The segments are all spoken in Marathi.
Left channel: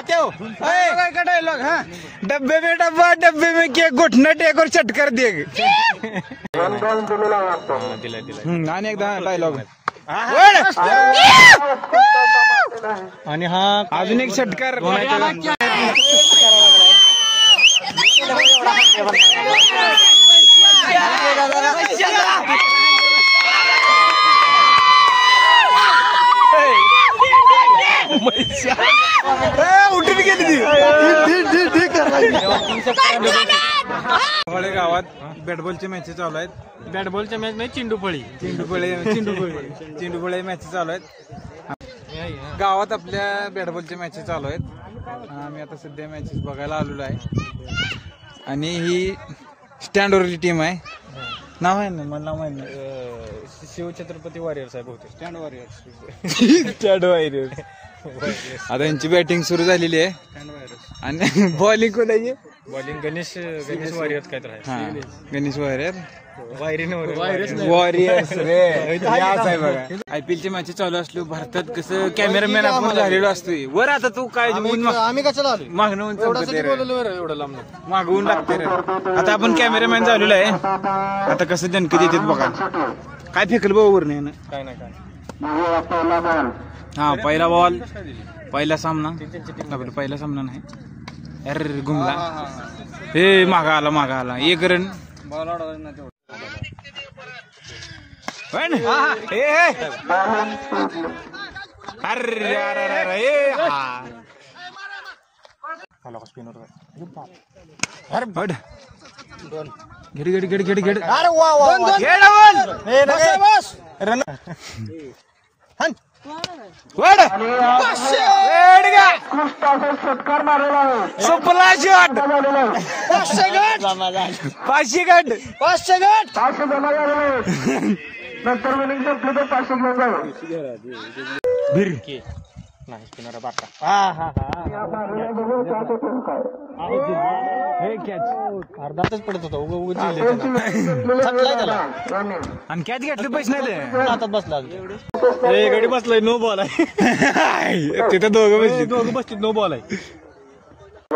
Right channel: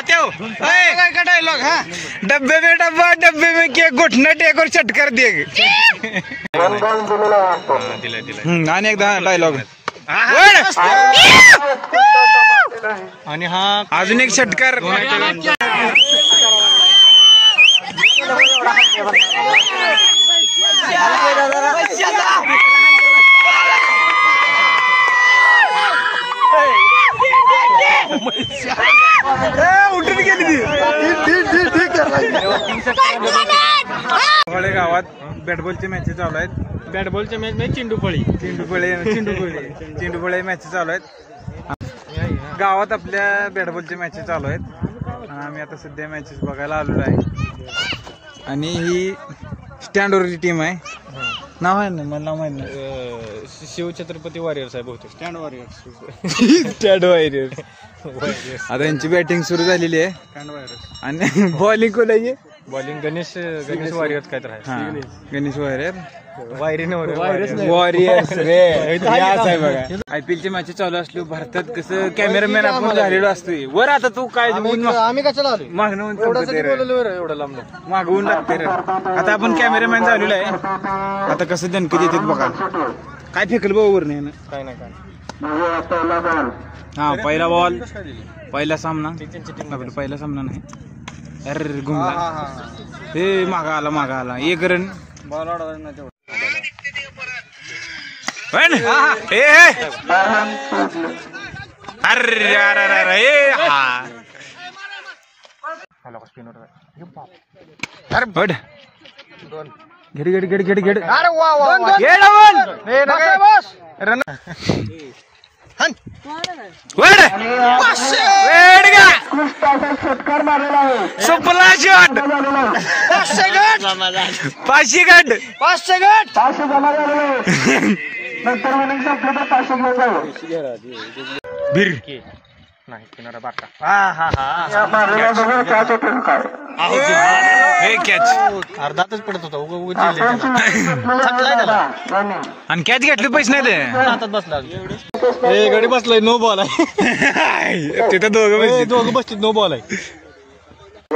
तात्या काय डायलॉग हा डब्बे में डब्बा डब्बे में केक घुटना टेक और चटकर दे दिला आणि एकदा डायलॉग आणि हा अजून एक षटकार उठून गेली ती गावात बॅटबॉलचे मॅचेस चालू आहेत. बॅटबॉलच्या मॅच मध्ये चेंडूफळे मॅचेस चालू आहेत गावात. आपल्या बॅटबॉलचे मॅचेस चालू आहेत. आम्ही आता सध्या मॅचेस बघायला आलेलो आहे. आणि ही स्टँडवरची टीम आहे. नाव आहे ना मला नाव माहित नाही. शिवछत्रपती वॉरियर्स आहे बहुतेक. Stand warriors. आता यांची बॅटिंग सुरू झालेली आहे. आणि बॉलिंग कोण आहे? बॉलिंग गणेश वॉरियर्स काय तर आहे. हा गणेश वॉरियर वॉरियर्स आयपीएल चे मॅच चालू असलो भारतात कसं कॅमेरामॅन आपण झालेलो असतोय वर. आता तू काय आम्ही कशाला आलो मागणून एवढं लांब मागवून लागते रे. आता आपण कॅमेरामॅन झालेलो आहे. आता कसं दणकत येतात बघा. काय फेकल बरोबर नाही ना काय नाही काय. हा पहिला बॉल पहिला सामना आपला पहिला सामना नाही. अरे घुमला हे मागा आला एक रन. अरे अरे हा अरे बड घडी घडी घडी घडी घडी. अरे वा रन सुपला शॉट 500 गट बीर नाही किनारा बाता. हे कॅच अर्धातच पडत होता. थकलाय त्याला आणि कॅच घेतले पैसे नाही ते हातात बसला. गडी बसलाय. नो बॉल आहे तिथं दोघं बसतील. नो बॉल आहे.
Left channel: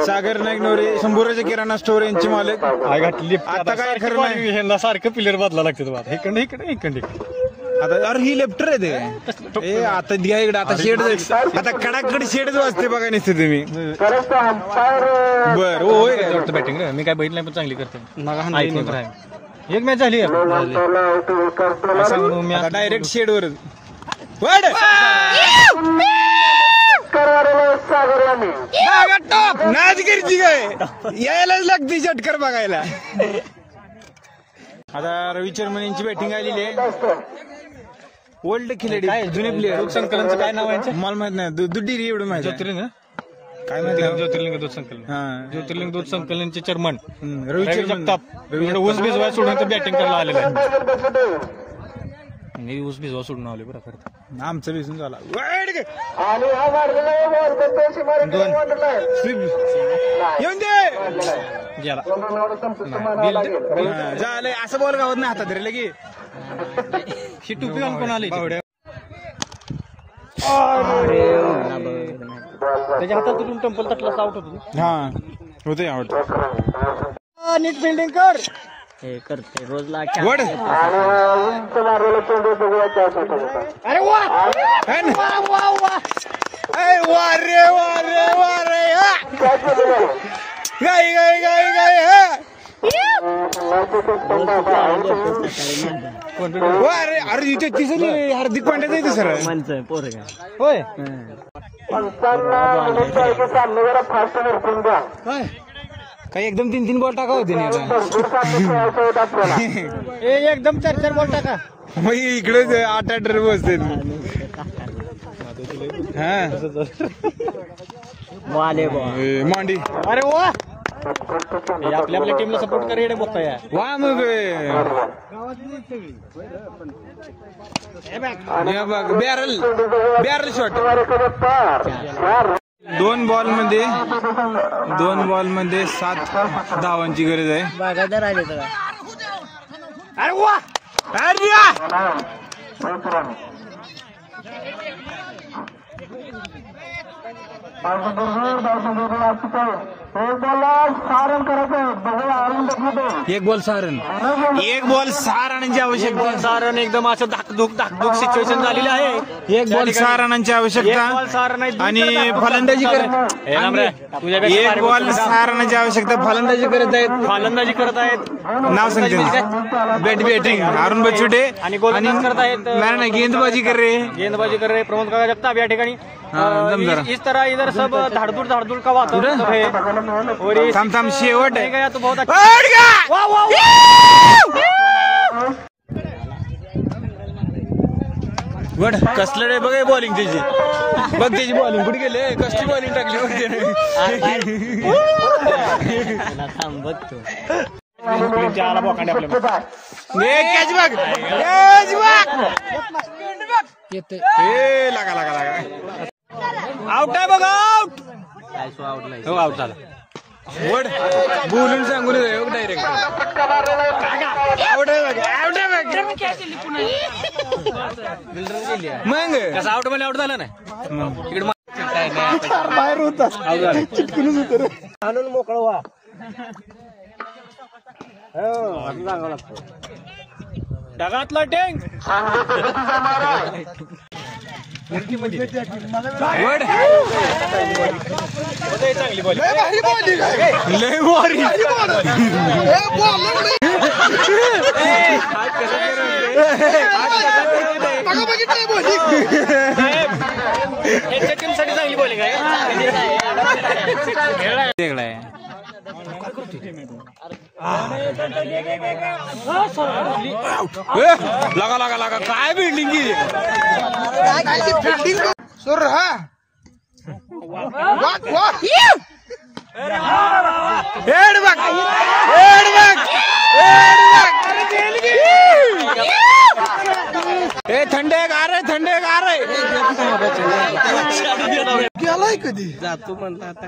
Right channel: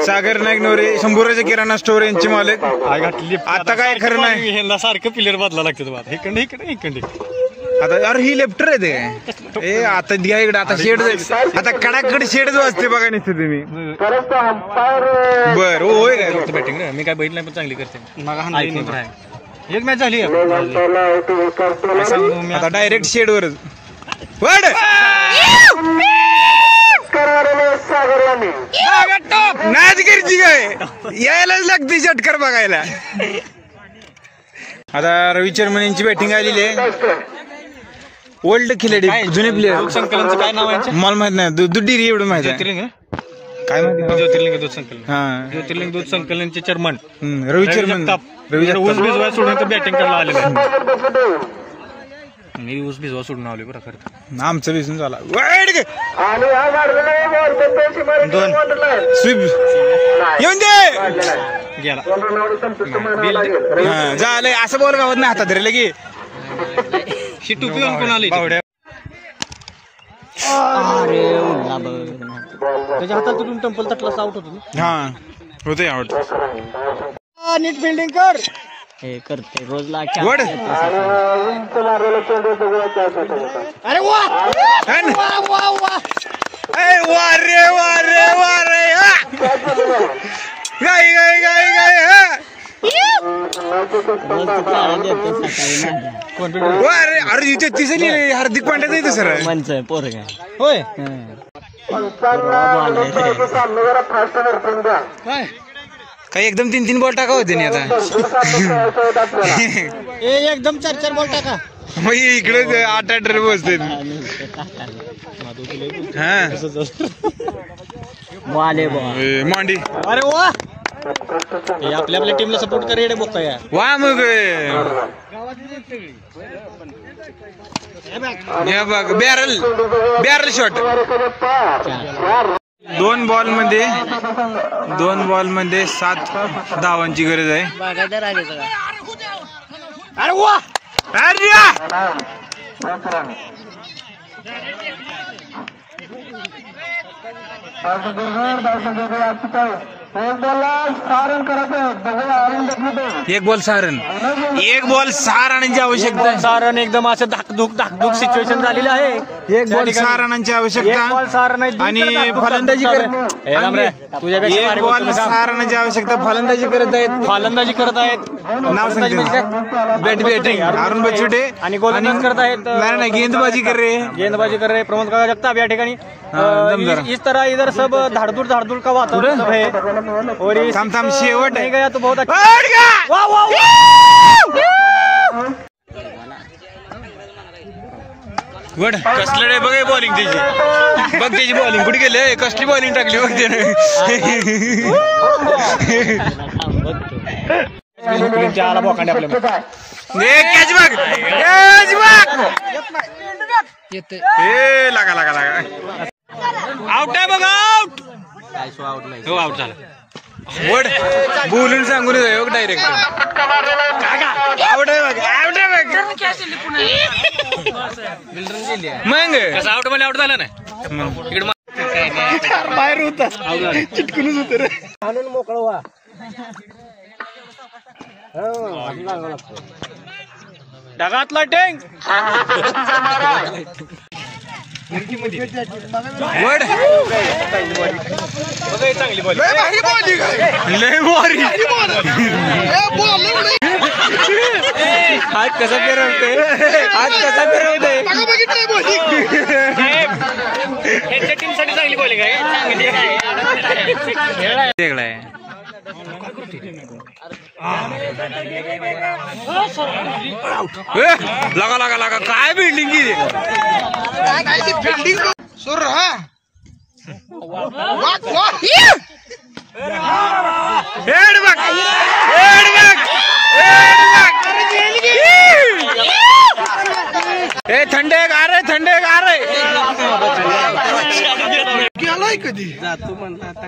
सागर नाईक नवरे शंभूराच्या किराणा स्टोअर यांची मालक. आता काय खरं नाही. ह्यांना सारखं प्लेअर बदला लागतात. इकडे आता यार ही लेफ्टर आहे ते. आता द्या इकडे. आता शेड आता कडाकडे शेडच वाजते बघा नुसतं तुम्ही. बर होय काय बॅटिंग मी काय बघितलं नाही पण चांगली करते. एक मॅच झाली आता डायरेक्ट शेडवरच नाच करची काय यायलाच लागते षटकार बघायला. आता रवी चर्मन यांची बॅटिंग आलेली आहे. ओल्ड खिलाडी जुने प्लेअर. संकलनचं काय नाव आहे? मला माहित नाही. दुड्डी एवढं माहिती आहे. ज्योतिर्लिंग काय माहित नाही. ज्योतिर्लिंग दूध संकलन. हा ज्योतिर्लिंग दूध संकलनचे चेअरमन रवी चर्मन. ऊस भिजवा सोडून तर बॅटिंग करायला आलेलं. मी ऊस भिजवा सोडून आलो बरं खरं. आमचं भिजून झाला. स्वीप येऊन दे गेला. झालंय असं बोल गावात नाही हातात धरलं की ही टोपी कोण आली त्याच्या हातात टेम्पल तटला आउट होतो. हा होते आउट. नीट फिल्डिंग कर. हे करते रोज वड. अरे वा रे गाय गाय गाय गाय अरे अरे इथे तिसरी हार्दिक पांड्याचं इथं सर पोर काय होय. काही एकदम 3-3 बॉल टाका होते नाही आता. एकदम 4-4 बॉल टाका. मग इकडे 8-8 रन बसते. हा मांडी. अरे वा आपल्या टीमला सपोर्ट कर. हेडे बोका या वा मग बघ बॅरल शॉट. 2 बॉल मध्ये 7 धावांची गरज आहे. अरे वा एक बॉल 6 रन, एक बॉल 6 रनांची आवश्यकता आहे. 6 रन एकदम असं धाकधूक सिच्युएशन झालेली आहे. एक बॉल 6 रनांची आवश्यकता आणि फलंदाजी करत एक बॉल 6 रनांची आवश्यकता. फलंदाजी करत आहेत. नाव सांगते बॅटिंग अरुण बच्चुटे आणि गोलंदाज करत आहेत. नाही गेंदबाजी कर रे प्रमोद काका जगताप या ठिकाणी. इस तरह इधर सब धाड़धूड़ का वातावरण है. और थांब शेवट नहीं गया तो बहुत अच्छा. वड कसले बघ बॉलिंग त्याची, बघ त्याची बॉलिंग कुठे गेले, कसली बॉलिंग टाकली बघ त्याने. आला बोकांडे आपल्या कॅच बघ लागा आउट आहे बघ. आउट झाला. वड बोलून सांगून येतो डायरेक्ट. आउट आहे बघ मग आउट मध्ये आउट झाला ना. बाहेर होता चिटकूनच होत रे. आणून मोकळ व्हा. ढगातला टेंग वड लय भारी. आज कसा फिरवते, चांगली बॉलिंग आहे. लागा काय बिल्डिंग की सुर. थंडे गार गेलाय कधी जातो म्हणला आता.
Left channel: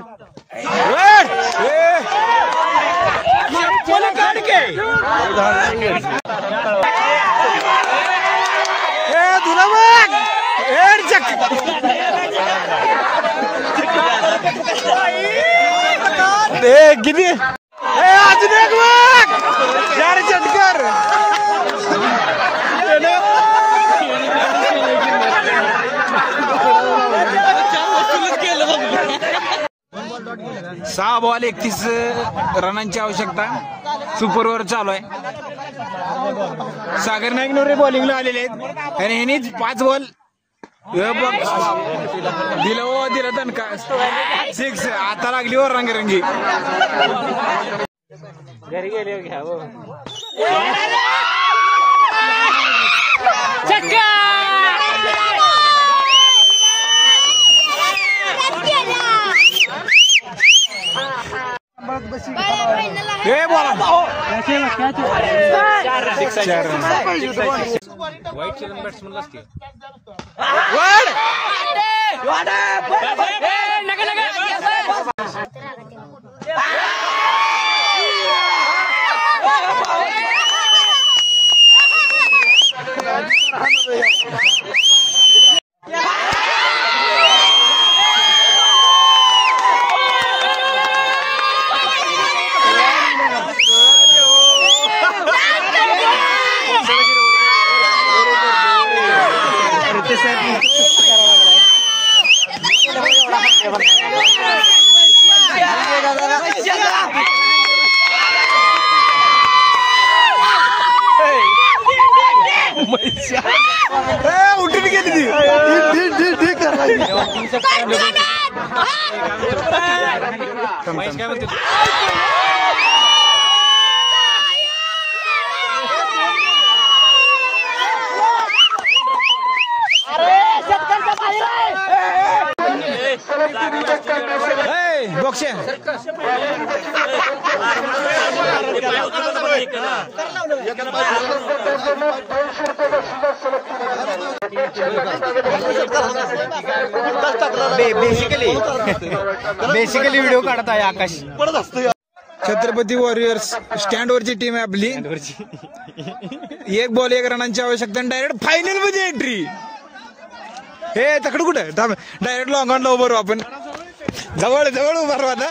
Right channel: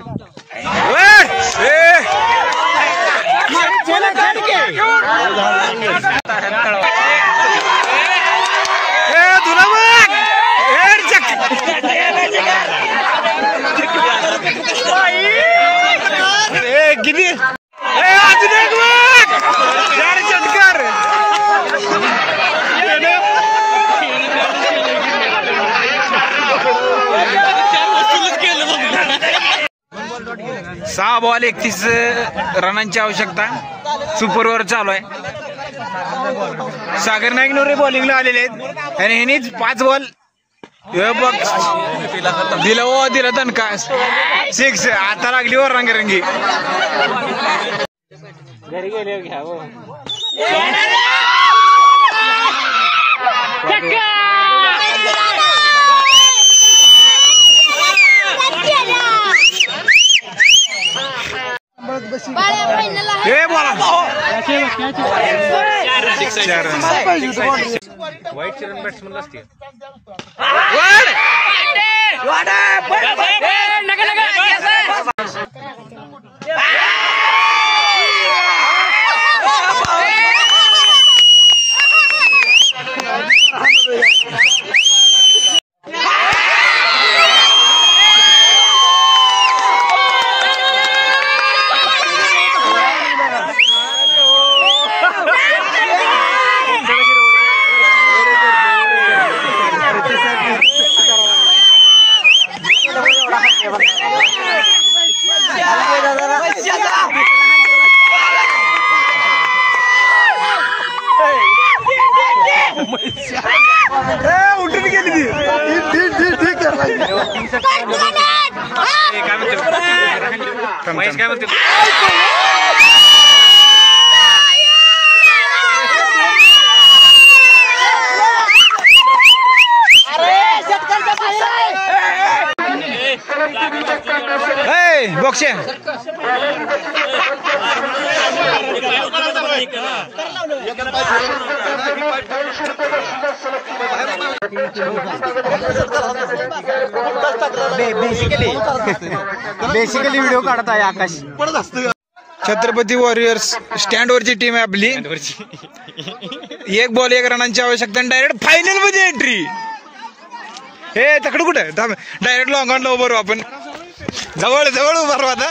गिरी अजून एक चटकर. सहा बॉल 31 रनांची आवश्यकता. सुपर ओव्हर चालू आहे. सागर नाईक नवरे बॉलिंगला आलेले आहेत आणि ह्यांनीच 5 बॉल दिला दणका 6. आता लागली वर रंगरंगी. घरी गेले घ्या. बोला वाईट रन बॅट्समन असते. उठून गेली ती. काय म्हणते बॉक्से बेसिकली व्हिडिओ काढत आहे आकाश. छत्रपती वॉरियर्स स्टँड वरची टीम आहे आपली. 1 बॉल 1 रनांची आवश्यकता. डायरेक्ट फायनल मध्ये एंट्री. हे तकड कुठे डायरेक्ट लॉंग ऑन लो बरोबर आपण जवळ जवळ उभा राहा आता.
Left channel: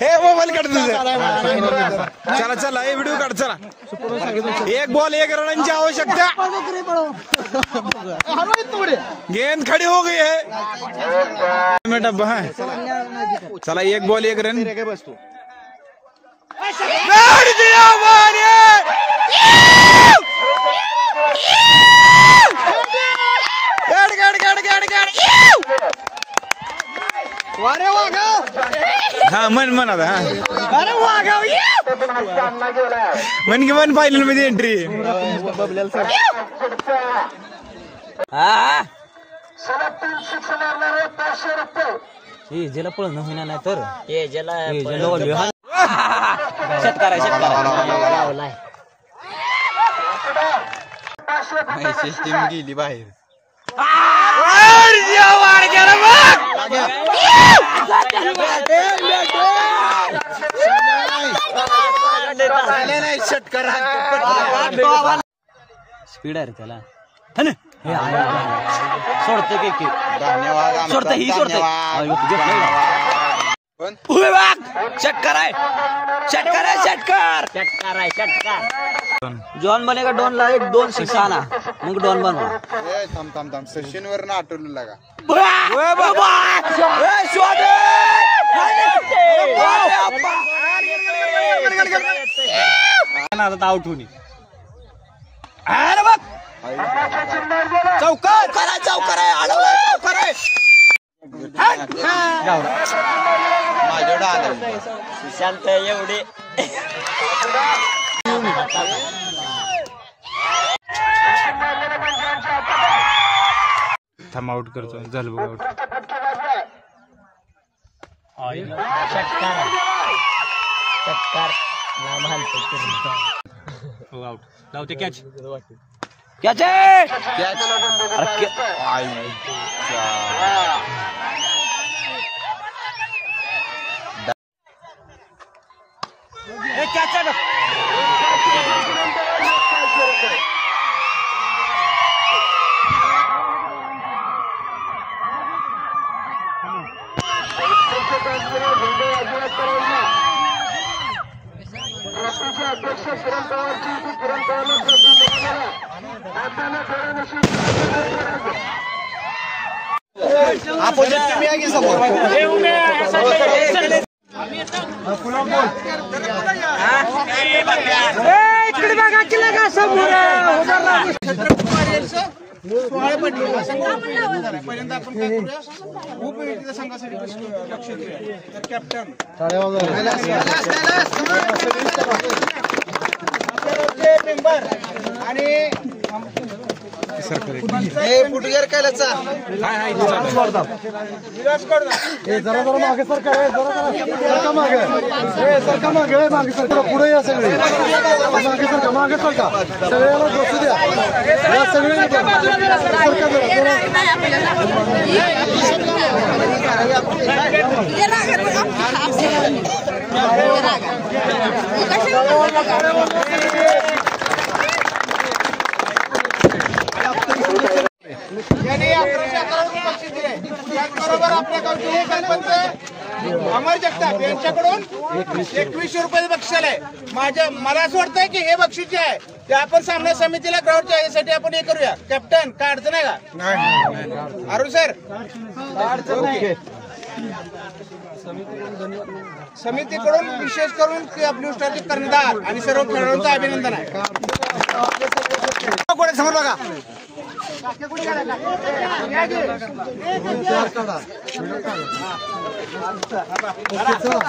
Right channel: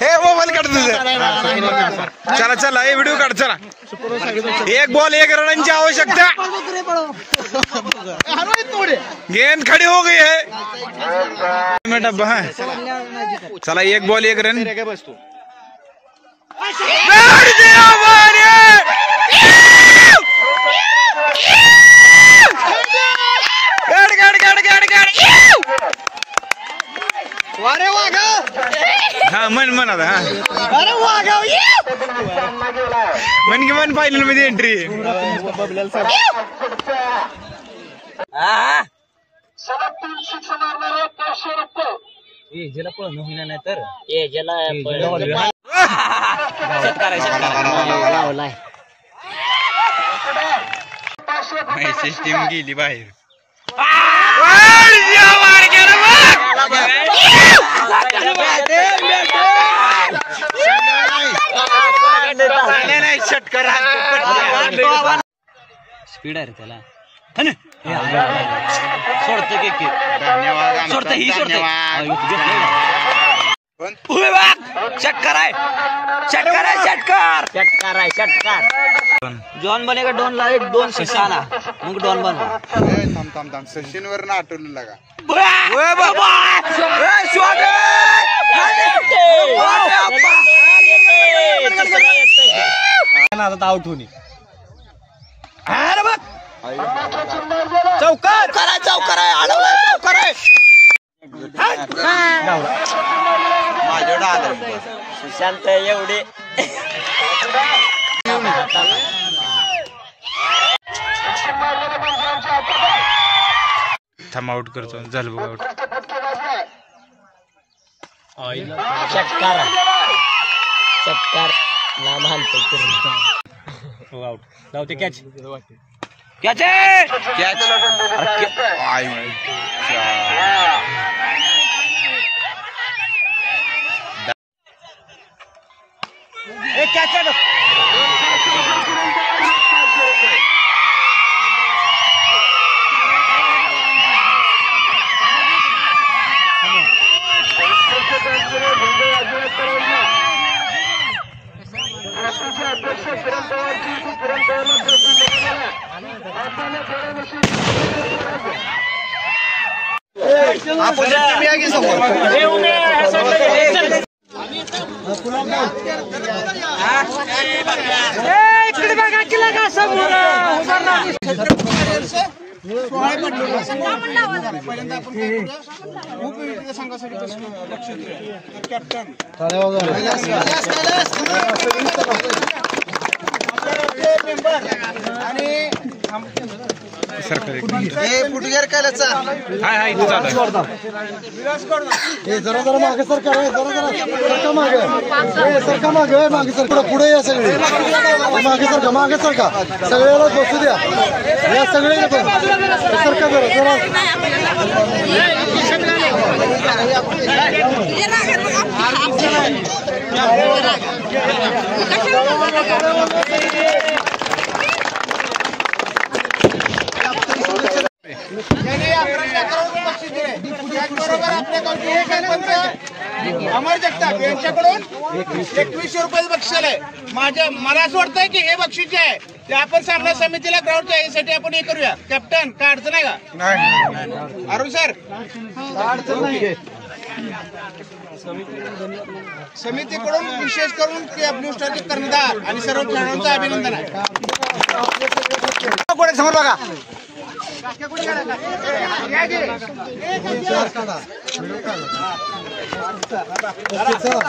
हे मोबाईल काढ तुझं. चला चला हे व्हिडिओ काढ चला. 1 बॉल 1 रनांची आवश्यकता. गेंद खड़ी हो गई है. डब्बा हा. चला 1 बॉल 1 रन. हा मन आता हा. अरे वागाव मन की मन फायनल मध्ये एंट्री. ज्याला पळणं होईना नाही तर सिस्टीम गेली बाहेर. स्पीड आहे रे त्याला. सोडतो की सोडतो ही षटकार आहे षटकार आहे षटकार षटकार आहे षटकार. जॉन बनेगा डॉन ला 1-2 शिक्षा ना मग डॉन बनवा. थांब सचिन वर ना आठवलं लागा. आउट होणी. चौकार चौकार आहे अडवलाय चौकार आहे. शांत एवढे थांब आउट करतो. झालं बघ आउट. षटकार षटकार नाम हो आउट. धावते कॅच. कॅच आहे कॅच. पहिल्यांदा आपण काय करूया खूप विविध संघासाठी लक्ष देऊया. तर कॅप्टन मेंबर आणि सरकारी फुटवेअर केल्याचा हाय हाय इथे चालू आहे. विलास करू जरा जरा मागे सरकार सरका मागे मागे सरका पुढे या सगळे मागे सरका सगळ्याला बसू द्या. या सगळ्यांना सरका त्याचबरोबर आपल्या गावचे अमर जगताप यांच्याकडून 2100 रुपये बक्षीस आहे. मला असं वाटतंय की हे बक्षीस जे आहे ते आपण सामना समितीला ग्राउंडच्या यासाठी आपण हे करूया. कॅप्टन काय अडचण आहे का अरुण सर? समितीकडून विशेष करून ब्लू स्टारचे कर्णधार आणि सर्व खेळाडूंचं अभिनंदन आहे. समोर बघा. चला